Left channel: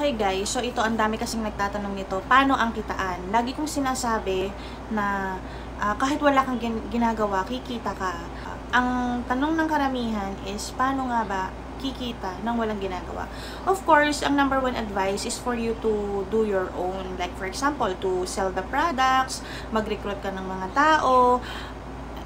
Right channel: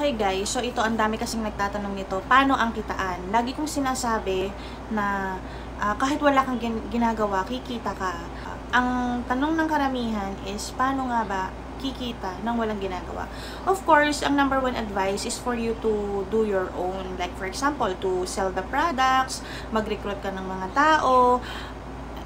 Okay guys, so ito ang dami kasing nagtatanong nito, paano ang kitaan? Lagi kong sinasabi na kahit wala kang ginagawa, kikita ka. Ang tanong ng karamihan is, paano nga ba kikita nang walang ginagawa? Of course, ang number one advice is for you to do your own. Like for example, to sell the products, mag-recruit ka ng mga tao,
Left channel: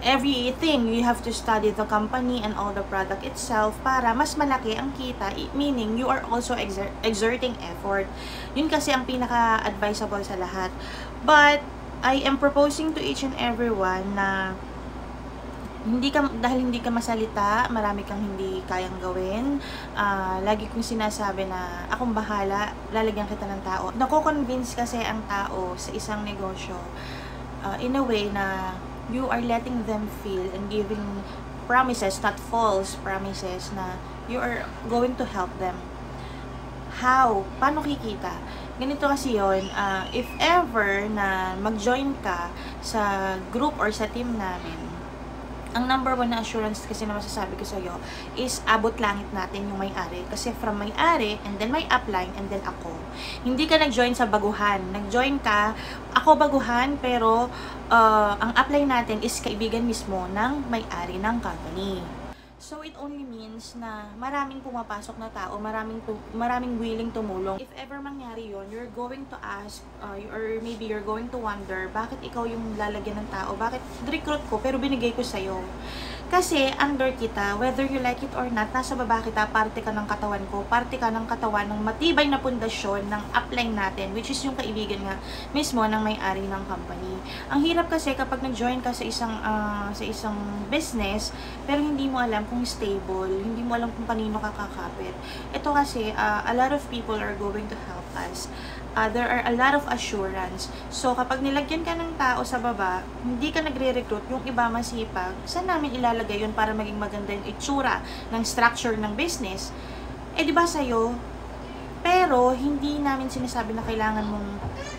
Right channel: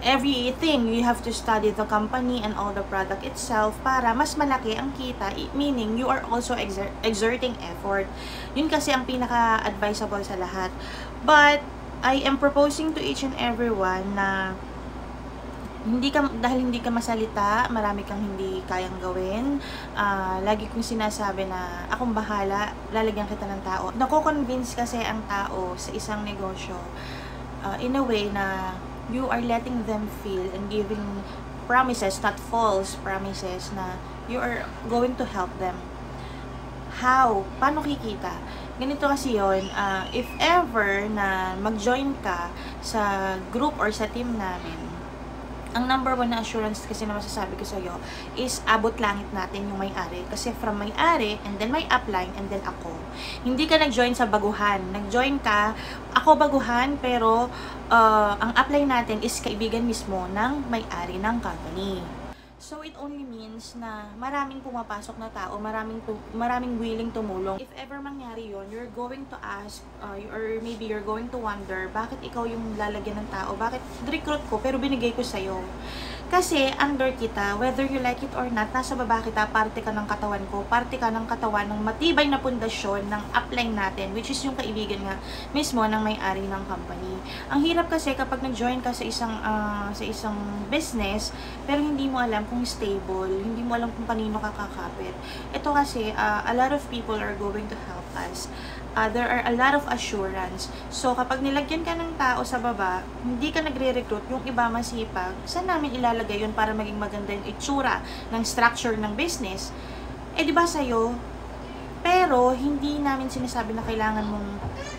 everything, you have to study the company and all the product itself para mas malaki ang kita, meaning you are also exerting effort. Yun kasi ang pinaka-advisable sa lahat. But I am proposing to each and everyone na dahil hindi ka masalita, marami kang hindi kayang gawin. Lagi kong sinasabi na akong bahala, lalagyan kita ng tao. Nako-convince kasi ang tao sa isang negosyo in a way na you are letting them feel and giving promises, not false promises, na you are going to help them. How? Paano kikita? Ganito kasi yun, if ever na mag-join ka sa group or sa team namin, ang number one na assurance kasi na masasabi ko sa'yo is abot langit natin yung may-ari. Kasi from may-ari, and then may upline, and then ako. Hindi ka nag-join sa baguhan. Nag-join ka, ako baguhan, pero ang upline natin is kaibigan mismo ng may-ari ng company. So, it only means na maraming pumapasok na tao, maraming willing tumulong. If ever mangyari yon, you're going to ask, or maybe you're going to wonder, bakit ikaw yung lalagyan ng tao? Bakit recruit ko, pero binigay ko sa'yo? Kasi, under kita, whether you like it or not, nasa baba kita, parte ka ng katawan ko, parte ka ng katawan ng matibay na pundasyon ng upline natin, which is yung kaibigan nga mismo ng may-ari ng company. Ang hirap kasi kapag nag-join ka sa isang business, pero hindi mo alam kung stable, hindi mo alam kung kanino kakakapit. Ito kasi, a lot of people are going to help us. There are a lot of assurance. So, kapag nilagyan ka ng tao sa baba, hindi ka nagre-recruit, yung iba masipag, saan namin ilalagay yun para maging maganda yung itsura ng structure ng business? Eh, di ba sa'yo? Pero, hindi namin sinasabi na kailangan mong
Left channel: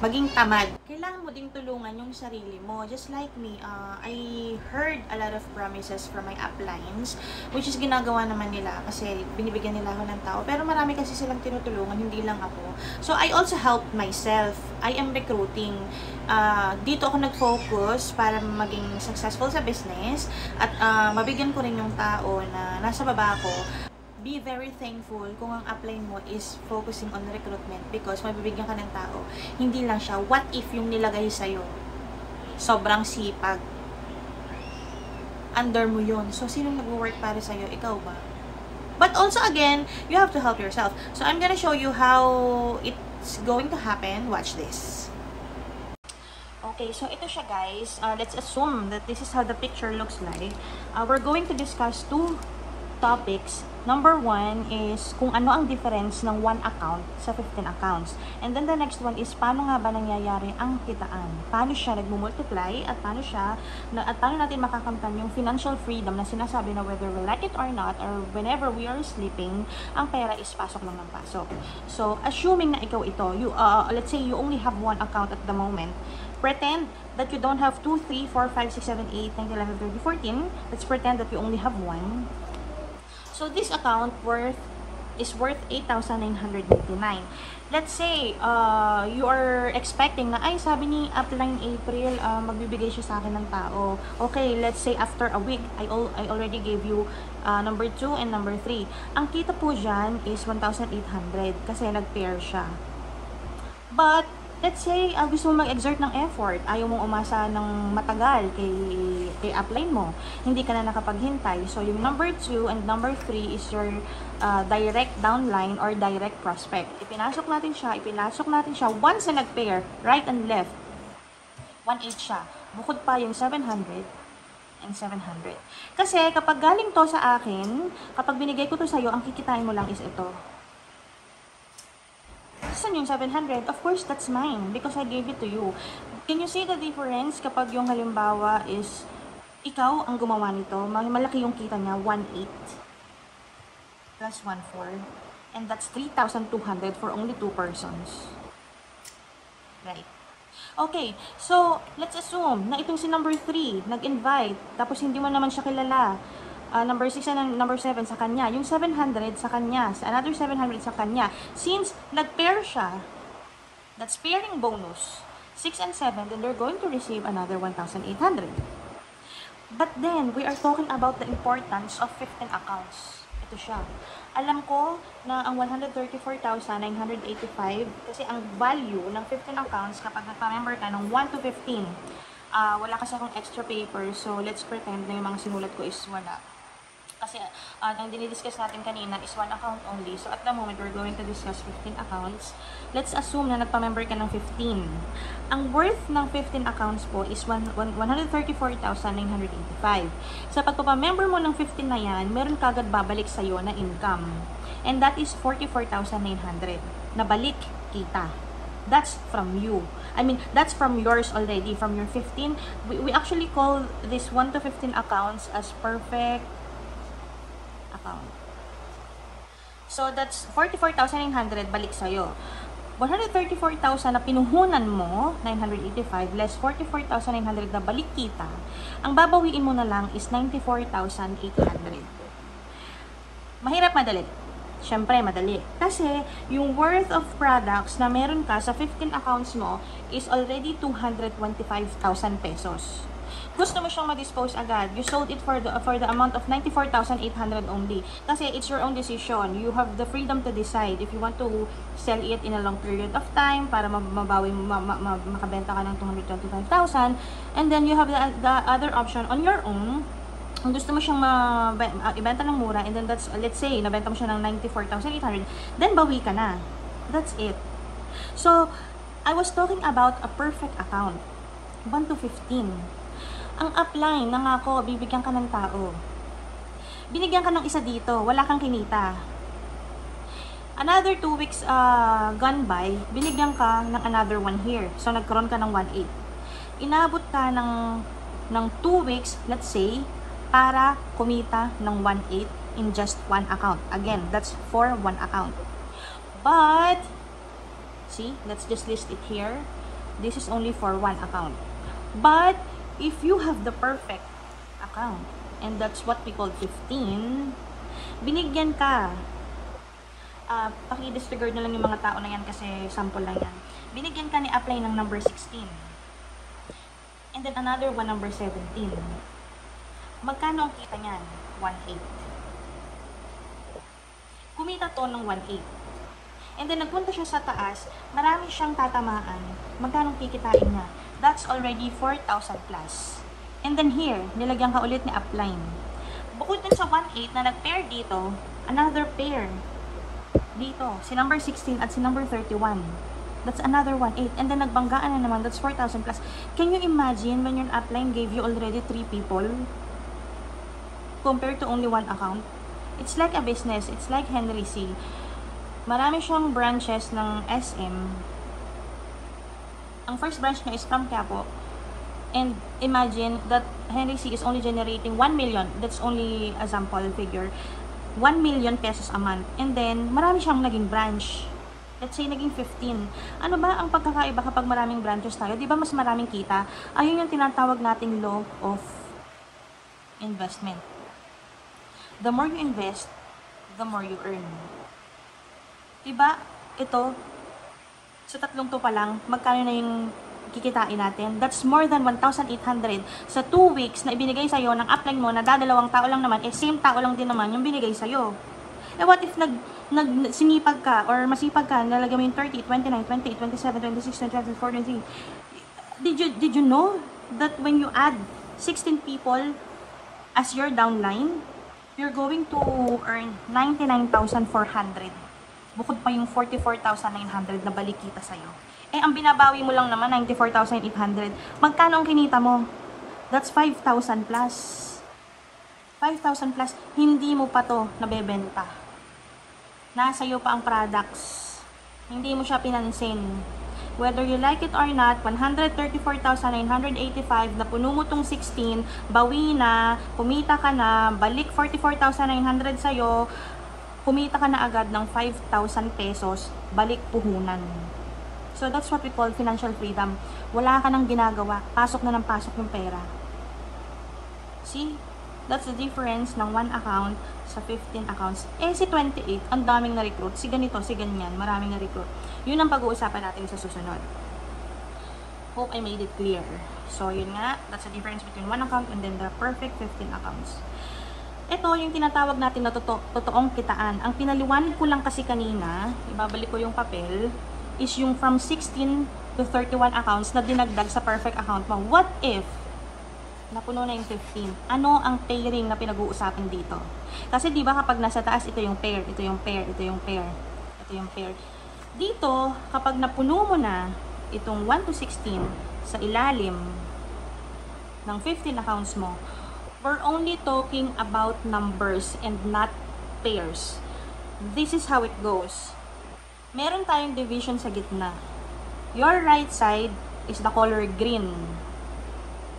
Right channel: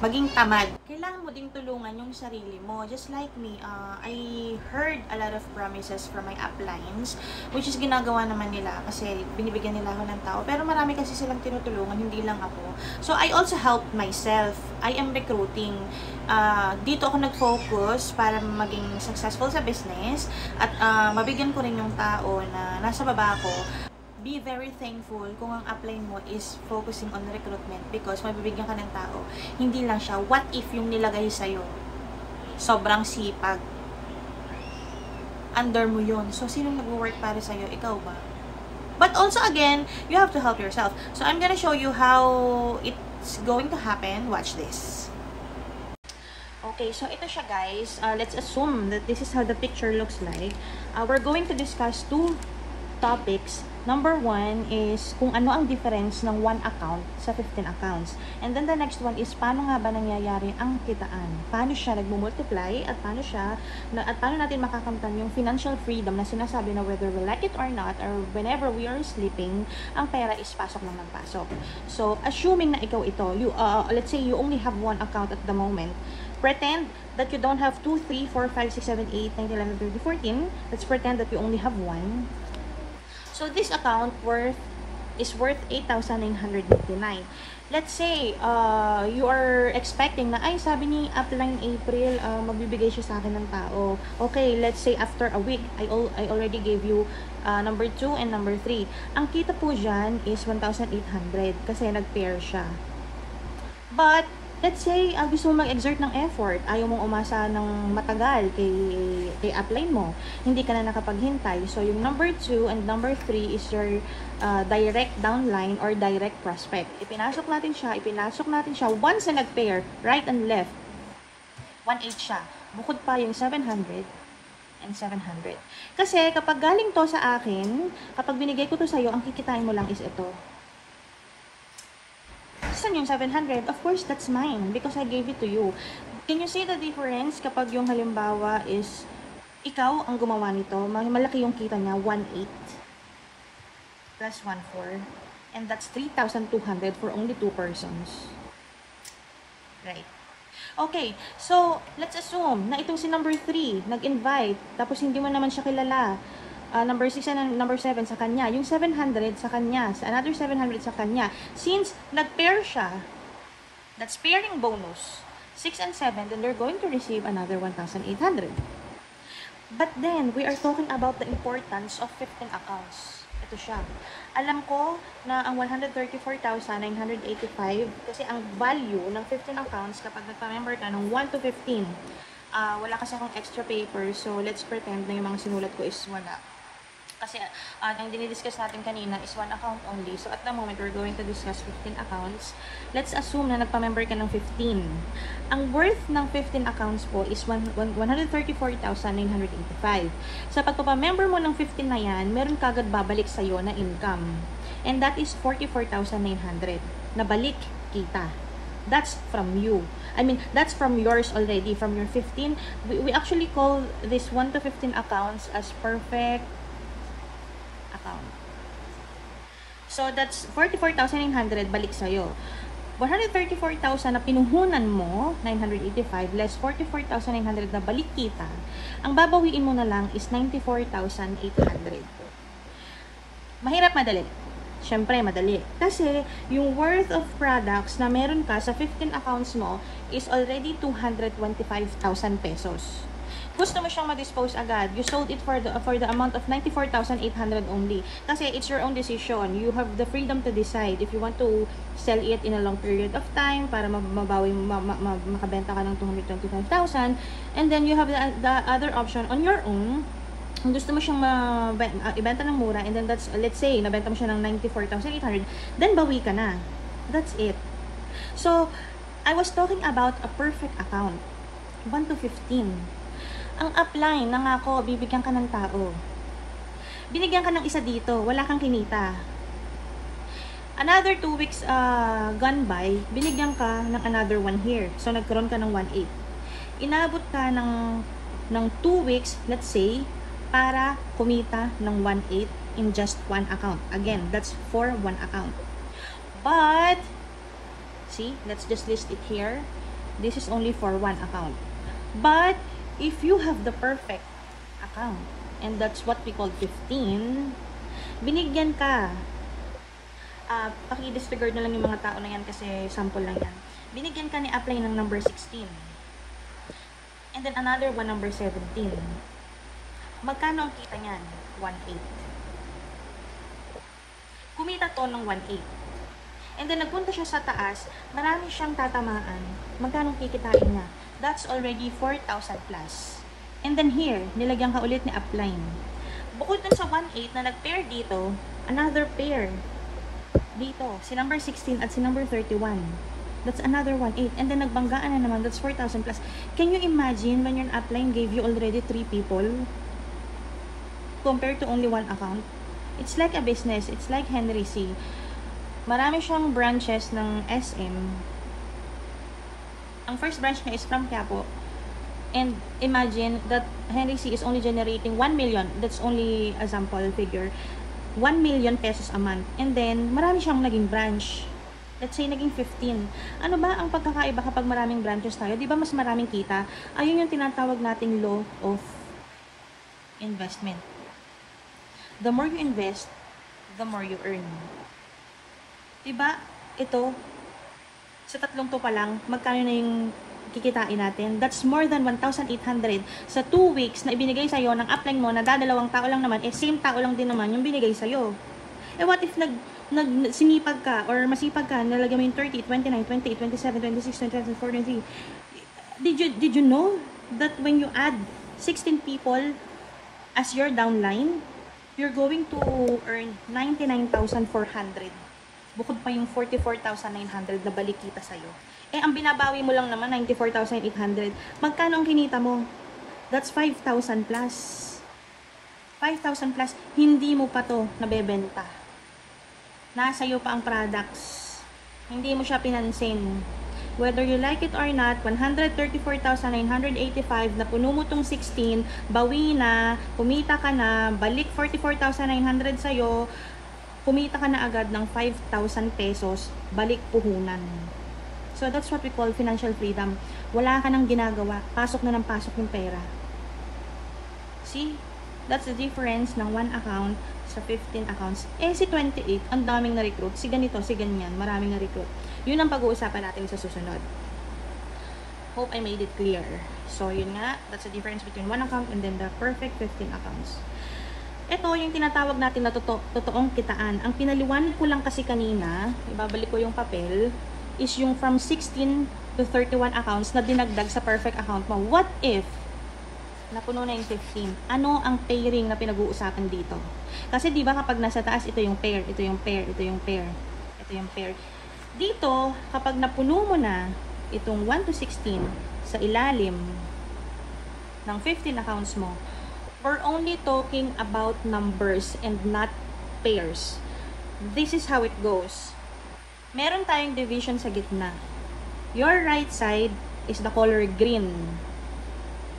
maging tamad. Kailangan mo ding tulungan yung sarili mo. Just like me, I heard a lot of promises from my uplines, which is ginagawa naman nila kasi binibigyan nila ako ng tao. Pero marami kasi silang tinutulungan, hindi lang ako. So, I also help myself. I am recruiting. Dito ako nag-focus para maging successful sa business at mabigyan ko rin yung tao na nasa baba ko. Be very thankful kung ang upline mo is focusing on recruitment because mabibigyan ka ng tao. Hindi lang siya, what if yung nilagay sa'yo? Sobrang sipag. Under mo yun. So, sinong nag-work para sa'yo? Ikaw ba? But also, again, you have to help yourself. So, I'm gonna show you how it's going to happen. Watch this. Okay, so ito siya guys. Let's assume that this is how the picture looks like. We're going to discuss two topics. Number one is kung ano ang difference ng one account sa 15 accounts. And then the next one is paano nga ba nangyayari ang kitaan? Paano siya nag-multiply at paano natin makakamtan yung financial freedom na sinasabi na whether we like it or not or whenever we are sleeping, ang pera is pasok na ng pasok. So, assuming na ikaw ito, let's say you only have one account at the moment. Pretend that you don't have 2, 3, 4, 5, 6, 7, 8, 9, 11, 12, 14. Let's pretend that you only have one. So, this account is worth 8,999. Let's say, you are expecting na, ay, sabi ni after ng April, magbibigay siya sa akin ng tao. Okay, let's say after a week, I already gave you number 2 and number 3. Ang kita po dyan is 1,800 kasi nag-pair siya. But, let's say, gusto mo mag-exert ng effort, ayaw mong umasa ng matagal kay upline mo, hindi ka na nakapaghintay. So, yung number 2 and number 3 is your direct downline or direct prospect. Ipinasok natin siya. Once na nag-pair, right and left, 1,800 siya. Bukod pa yung 700 and 700. Kasi, kapag galing to sa akin, kapag binigay ko to sa'yo, ang kikitain mo lang is ito. Saan yung 700? Of course, that's mine because I gave it to you. Can you see the difference kapag yung halimbawa is ikaw ang gumawa nito, malaki yung kita niya, 1,800 plus 1,400 and that's 3,200 for only 2 persons. Right. Okay, so let's assume na itong si number 3 nag-invite tapos hindi mo naman siya kilala. number 6 and number 7 sa kanya. Yung 700 sa kanya. Another 700 sa kanya. Since nag-pair siya, that's pairing bonus. 6 and 7, then they're going to receive another 1,800. But then, we are talking about the importance of 15 accounts. Ito siya. Alam ko na ang 134,985 kasi ang value ng 15 accounts kapag nagpa-member ka ng 1 to 15, wala kasi akong extra paper, so let's pretend na yung mga sinulat ko is wala. Kasi yung dinidiscuss natin kanina is 1 account only. So at the moment, we're going to discuss 15 accounts. Let's assume na nagpa-member ka ng 15. Ang worth ng 15 accounts po is 134,985. Sa pagpapamember mo ng 15 na yan, meron kagad babalik sa'yo na income. And that is 44,900 na balik kita. That's from you. I mean, that's from yours already, from your 15. We actually call this 1 to 15 accounts as perfect account. So, that's 44,900 balik sa'yo. 134,000 na pinuhunan mo, 985, less 44,900 na balik kita, ang babawiin mo na lang is 94,800. Mahirap madali. Siyempre, madali. Kasi, yung worth of products na meron ka sa 15 accounts mo is already 225,000 pesos. Gusto mo siyang ma-dispose agad. You sold it for the amount of 94,800 only. Kasi, it's your own decision. You have the freedom to decide if you want to sell it in a long period of time para makabenta ka ng 225,000. And then, you have the other option on your own. Kung gusto mo siyang ibenta ng mura, and then that's, let's say, nabenta mo siya ng 94,800, then bawi ka na. That's it. So, I was talking about a perfect account. 1 to 15. Ang upline, nangako, bibigyan ka ng tao. Binigyan ka ng isa dito, wala kang kinita. Another 2 weeks gone by, binigyan ka ng another one here. So, nagkaroon ka ng 1.8. Inabot ka ng 2 weeks, let's say, para kumita ng 1.8 in just one account. Again, that's for one account. But, see, let's just list it here. This is only for one account. But, if you have the perfect account, and that's what we call 15, binigyan ka. Paki-disregard na lang yung mga tao na yan kasi sample lang yan. Binigyan ka ni apply ng number 16. And then another one, number 17. Magkano ang kita niyan? 1.8. Kumita to ng 1.8. And then nagpunta siya sa taas, marami siyang tatamaan. Magkano kikitain niya? That's already 4,000 plus. And then here, nilagyan ka ulit ni upline. Bukod dun sa 1.8 na nag-pair dito, another pair dito, si number 16 at si number 31. That's another 1.8. And then nagbanggaan na naman, that's 4,000 plus. Can you imagine when your upline gave you already 3 people? Compared to only one account. It's like a business. It's like Henry C. Marami siyang branches ng SM. Ang first branch niya is from Quiapo. And imagine that Henry C is only generating 1 million. That's only a sample figure. 1 million pesos a month. And then, marami siyang naging branch. Let's say, naging 15. Ano ba ang pagkakaiba kapag maraming branches tayo? Di ba mas maraming kita? Ayun yung tinatawag natin law of investment. The more you invest, the more you earn. Diba? Ito, sa tatlong to pa lang, magkano na yung kikitain natin? That's more than 1,800 sa 2 weeks na ibinigay sa'yo ng upline mo na dadalawang tao lang naman, same tao lang din naman yung binigay sa'yo. Eh what if sinipag ka or masipag ka, nalagay mo yung 30, 29, 28, 27, 26, 27, 40, did you know that when you add 16 people as your downline, you're going to earn 99,400. Bukod pa yung 44,900 na balik kita sa'yo. Eh, ang binabawi mo lang naman, 94,800. Magkano ang kinita mo? That's 5,000 plus. 5,000 plus, hindi mo pa to nabebenta. Nasa iyo pa ang products. Hindi mo siya pinansin. Whether you like it or not, 134,985 na puno mo tong 16, bawi na, kumita ka na, balik 44,900 sa'yo, kumita ka na agad ng 5,000 pesos, balik puhunan. So that's what we call financial freedom. Wala ka nang ginagawa, pasok na ng pasok ng pera. See? That's the difference ng 1 account sa 15 accounts. Eh, si 28, ang daming na-recruit. Si ganito, si ganyan, maraming na-recruit. Yun ang pag-uusapan natin sa susunod. Hope I made it clear. So, yun nga, that's the difference between 1 account and then the perfect 15 accounts. Ito yung tinatawag natin na totoong kitaan. Ang pinaliwanag ko lang kasi kanina, ibabalik ko yung papel, is yung from 16 to 31 accounts na dinagdag sa perfect account mo. What if napuno na yung 15? Ano ang pairing na pinag-uusapan dito? Kasi di ba kapag nasa taas, ito yung pair, ito yung pair, ito yung pair, ito yung pair. Dito, kapag napuno mo na itong 1 to 16 sa ilalim ng 15 accounts mo, we're only talking about numbers and not pairs. This is how it goes. Meron tayong division sa gitna. Your right side is the color green.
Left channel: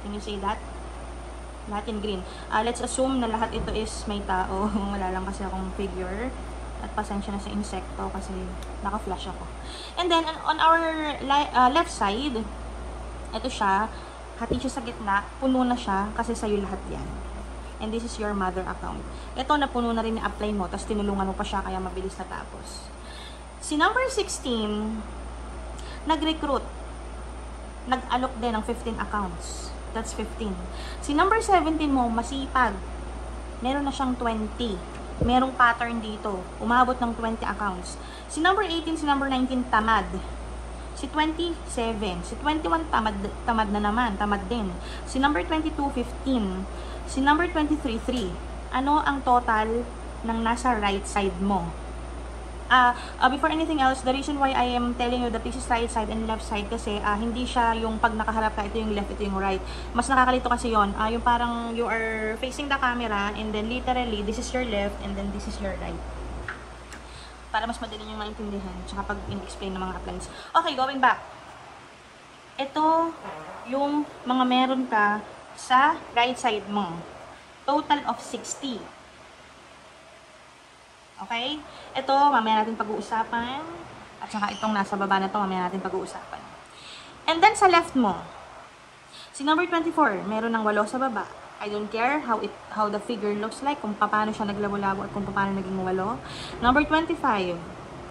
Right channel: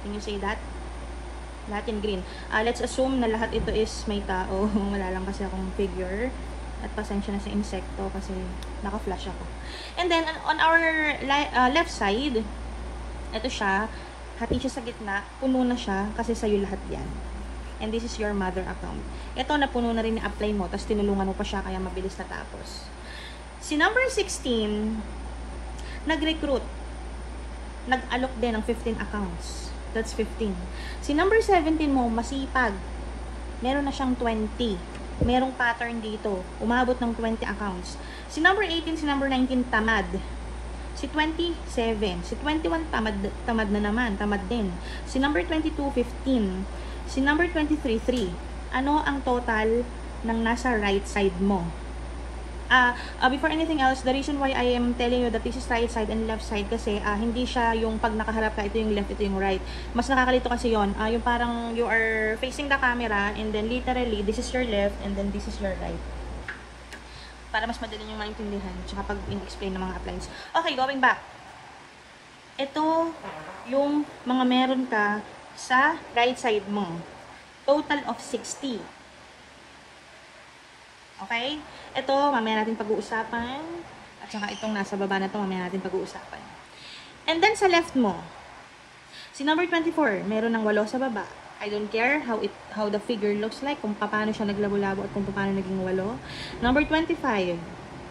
Can you see that? Lahat in green. Let's assume na lahat ito is may tao. Wala lang kasi akong figure. At pasensya na sa insekto kasi naka-flash ako. And then, on our left side, ito siya. Hati siya sa gitna, puno na siya kasi sa'yo lahat yan. And this is your mother account. Ito, napuno na rin i-apply mo, tapos tinulungan mo pa siya kaya mabilis natapos. Si number 16, nag-recruit. Nag-alok din ng 15 accounts. That's 15. Si number 17 mo, masipag. Meron na siyang 20. Merong pattern dito. Umabot ng 20 accounts. Si number 18, si number 19, tamad. Si 27, si 21 tamad na naman, tamad din. Si number 22, 15. Si number 23, 3. Ano ang total ng nasa right side mo? Before anything else, the reason why I am telling you that this is right side and left side kasi hindi siya yung pag nakaharap ka, ito yung left, ito yung right. Mas nakakalito kasi yon. Yung parang you are facing the camera and then literally this is your left and then this is your right. Para mas madali nyo maintindihan tsaka pag i-explain ng mga appliance. Okay, going back. Ito yung mga meron ka sa right side mo. Total of 60. Okay? Ito, mamaya natin pag-uusapan. At saka itong nasa baba na ito, mamaya natin pag-uusapan. And then sa left mo, si number 24, meron ng 8 sa baba. I don't care how the figure looks like, kung paano siya naglabo-labo at kung paano naging 8. Number 25,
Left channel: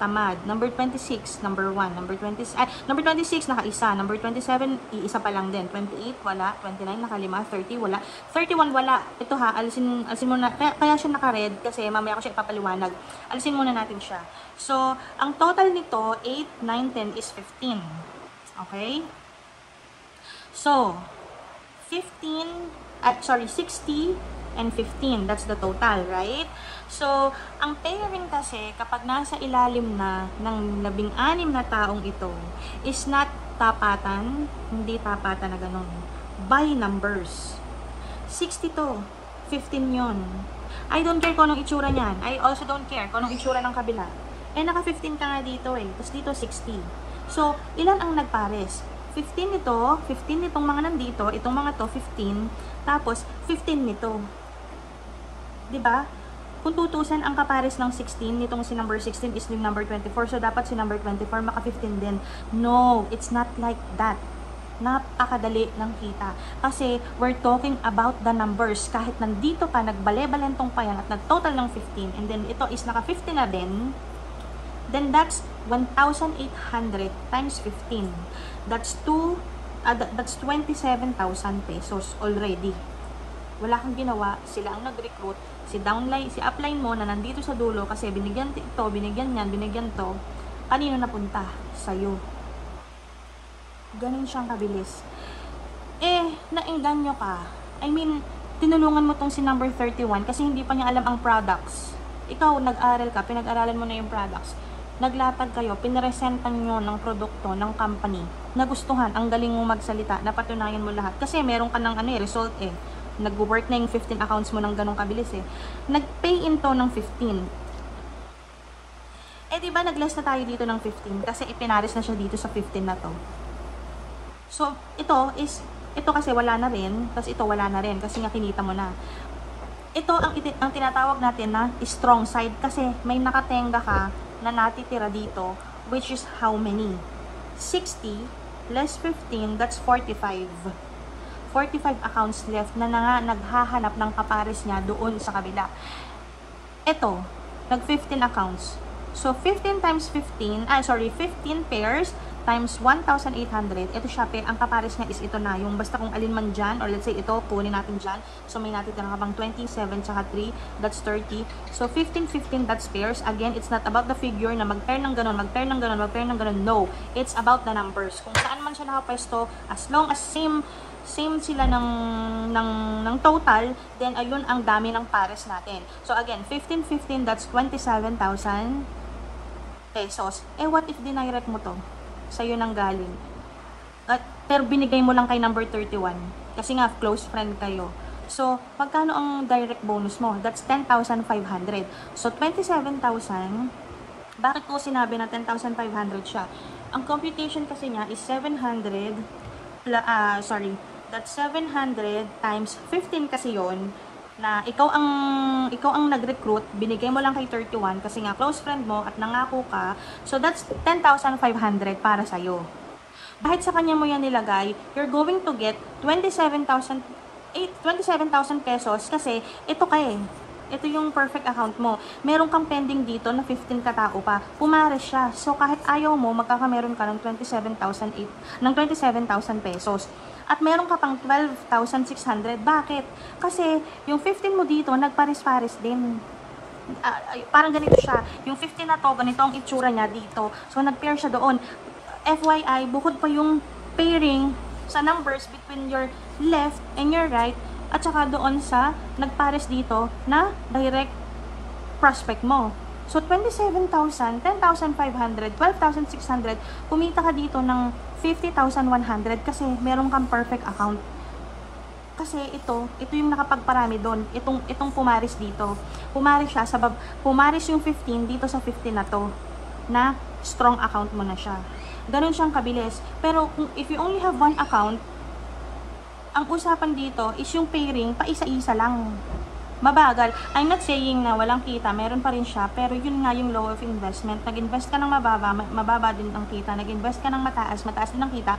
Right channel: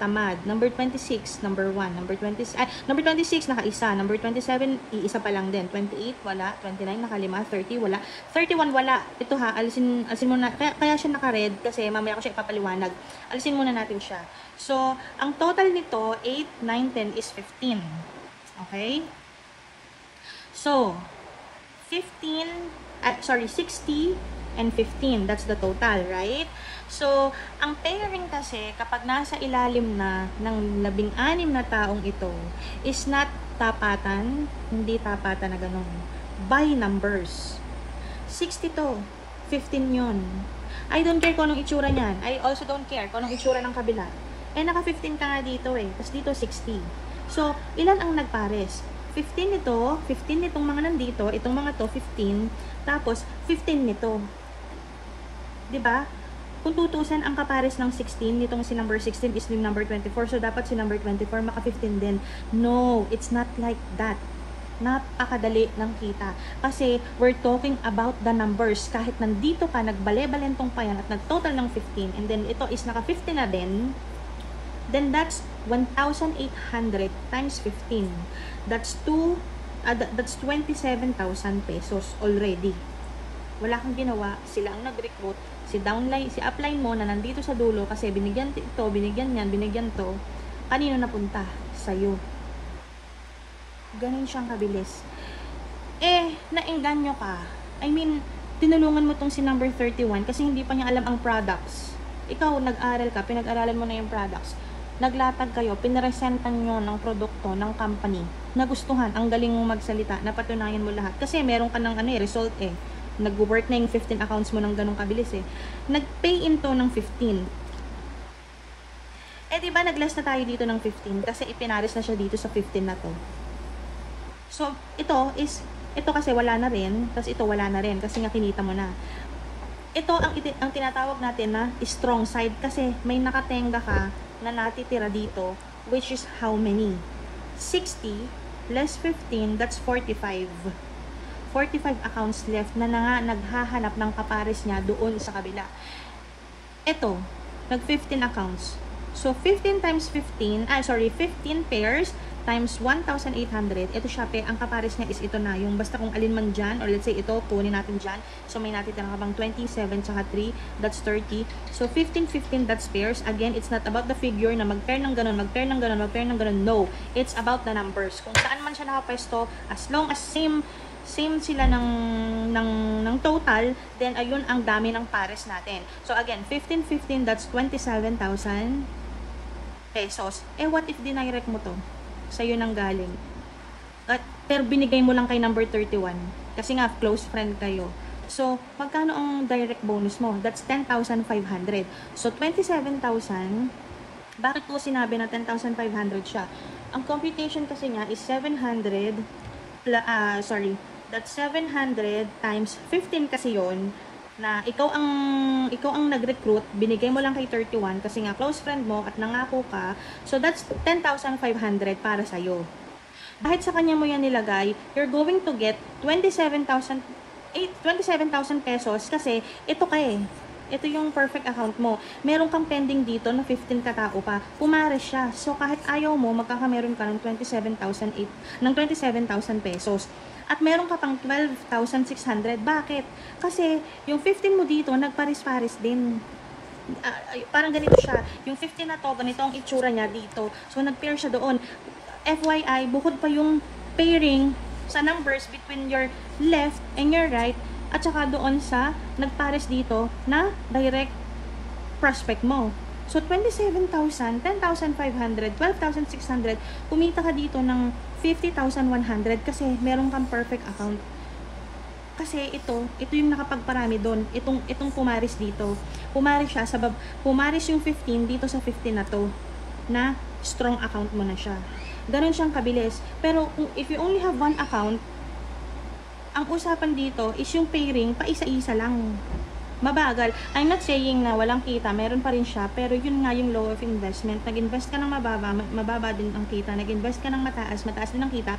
tamad. Number 26, number 1. Number 26, naka-isa. Number 27, iisa pa lang din. 28, wala. 29, naka-5. 30, wala. 31, wala. Ito ha, alisin mo na. Kaya siya naka-red kasi mamaya ko siya ipapaliwanag. Alisin muna natin siya. So, ang total nito, 8, 9, 10 is 15. Okay? So, 60 and 15. That's the total, right? So, ang pairing kasi, kapag nasa ilalim na ng 16 na taong ito, is not tapatan, hindi tapatan na ganun. By numbers. 60 to, 15 yun. I don't care kung anong itsura niyan. I also don't care kung anong itsura ng kabila. Eh, naka-15 ka nga dito eh. Tapos dito, 60. So, ilan ang nagpares? 15 ito, 15 itong mga nandito, itong mga to, 15, tapos 15 nito. Diba? Kung tutusin ang kapares ng 16, itong si number 16 is ni number 24, so dapat si number 24 maka-15 din. No, it's not like that. Napakadali ng kita. Kasi we're talking about the numbers. Kahit nandito ka, nagbale-balentong pa yan at nag-total ng 15, and then ito is naka-15 na din, then that's 1,800 times 15. That's 27,000 pesos already. Wala kang ginawa, sila ang nag-recruit, si downline, si upline mo na nandito sa dulo kasi binigyan ito, binigyan yan, binigyan to, kanino napunta? Sa'yo. Ganun siyang kabilis. Eh, nainganyo ka. I mean, tinulungan mo tong si number 31 kasi hindi pa niya alam ang products. Ikaw, nag-aral ka, pinag-aralan mo na yung products. Naglatag kayo, pinresentan mo ng produkto ng company, nagustuhan, ang galing mong magsalita, napatunayan mo lahat. Kasi meron ka ng result eh. Nag-work na yung 15 accounts mo ng ganong kabilis eh. Nag-pay in to ng 15. Eh diba nag-less na tayo dito ng 15 kasi ipinaris na siya dito sa 15 na to. So, ito kasi wala na rin, kasi ito wala na rin kasi nga kinita mo na. Ito ang tinatawag natin na strong side kasi may nakatenga ka na natitira dito, which is how many? 60 less 15, that's 45. 45 accounts left na naghahanap ng kapares niya doon sa kabila. Ito, nag-15 accounts. So, 15 times 15 pairs times 1,800. Ito siya, ang kapares niya is ito na. Yung basta kung alin man dyan, or let's say ito, kunin natin dyan. So, may natin talaga bang 27 tsaka 3, that's 30. So, 15, 15, that's pairs. Again, it's not about the figure na mag-pair ng ganun, mag-pair ng ganun, mag-pair ng ganun. No, it's about the numbers. Kung saan man siya nakapwesto, as long as same sila ng total, then ayun ang dami ng pares natin. So, again, 15, 15, that's 27,000 pesos. Eh, what if dinirect mo to? Sa'yo nang galing. Pero binigay mo lang kay number 31. Kasi nga, close friend kayo. So, pagkano ang direct bonus mo? That's 10,500. So, 27,000. Bakit ko sinabi na 10,500 siya? Ang computation kasi niya is 700, that's 700 times 15 kasi yon, na ikaw ang nag-recruit, binigay mo lang kay 31 kasi nga close friend mo at nangako ka. So that's 10,500 para sa iyo. Kahit sa kanya mo yan nilagay, you're going to get 27,000 pesos kasi ito ito yung perfect account mo. Meron kang pending dito na 15 katao pa. Pumares siya. So kahit ayaw mo, magkakameron ka ng 27,000 pesos. At meron ka pang 12,600. Bakit? Kasi yung 15 mo dito, nagpares-pares din. Parang ganito siya. Yung 15 na to, ganito ang itsura niya dito. So, nag-pair siya doon. FYI, bukod pa yung pairing sa numbers between your left and your right, at saka doon sa nagpares dito na direct prospect mo. So, 27,000, 10,500, 12,600, kumita ka dito ng 50,100 kasi meron kang perfect account. Kasi ito yung nakapagparami doon. Itong pumaris dito. Pumaris siya, pumaris yung 15 dito sa 15 na to, na strong account mo na siya. Ganun siyang kabilis. Pero if you only have one account, ang usapan dito is yung pairing, pa isa-isa lang. Mabagal. I'm not saying na walang kita, meron pa rin siya, pero yun nga yung low of investment. Nag-invest ka ng mababa din ang kita. Nag-invest ka ng mataas din ang kita.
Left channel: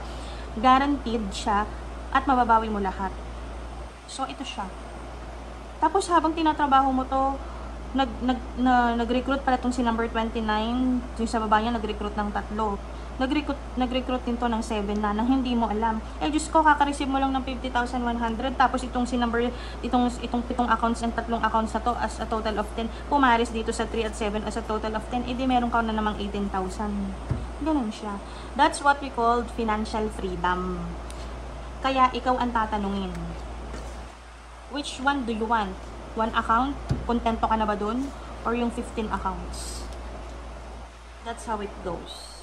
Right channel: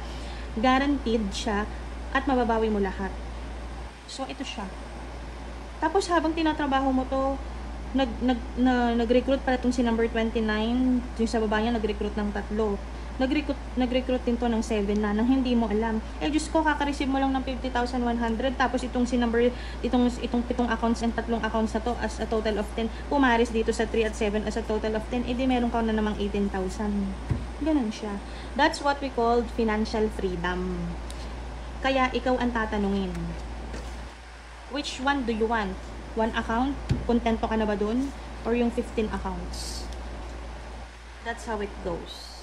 Guaranteed siya at mababawi mo lahat. So, ito siya. Tapos, habang tinatrabaho mo to, nag-recruit pala itong si number 29, yung sa baba niya, nag-recruit ng 3. Nag-recruit din to ng 7 na, nang hindi mo alam. Eh, Diyos ko, kaka-receive mo lang ng 50,100, tapos itong si number, itong 7 accounts and 3 accounts na to as a total of 10, pumaris dito sa 3 at 7 as a total of 10, edi meron ka na namang 18,000. Ganun siya. That's what we call financial freedom. Kaya, ikaw ang tatanungin. Which one do you want? One account? Kontento ka na ba dun? Or yung 15 accounts? That's how it goes.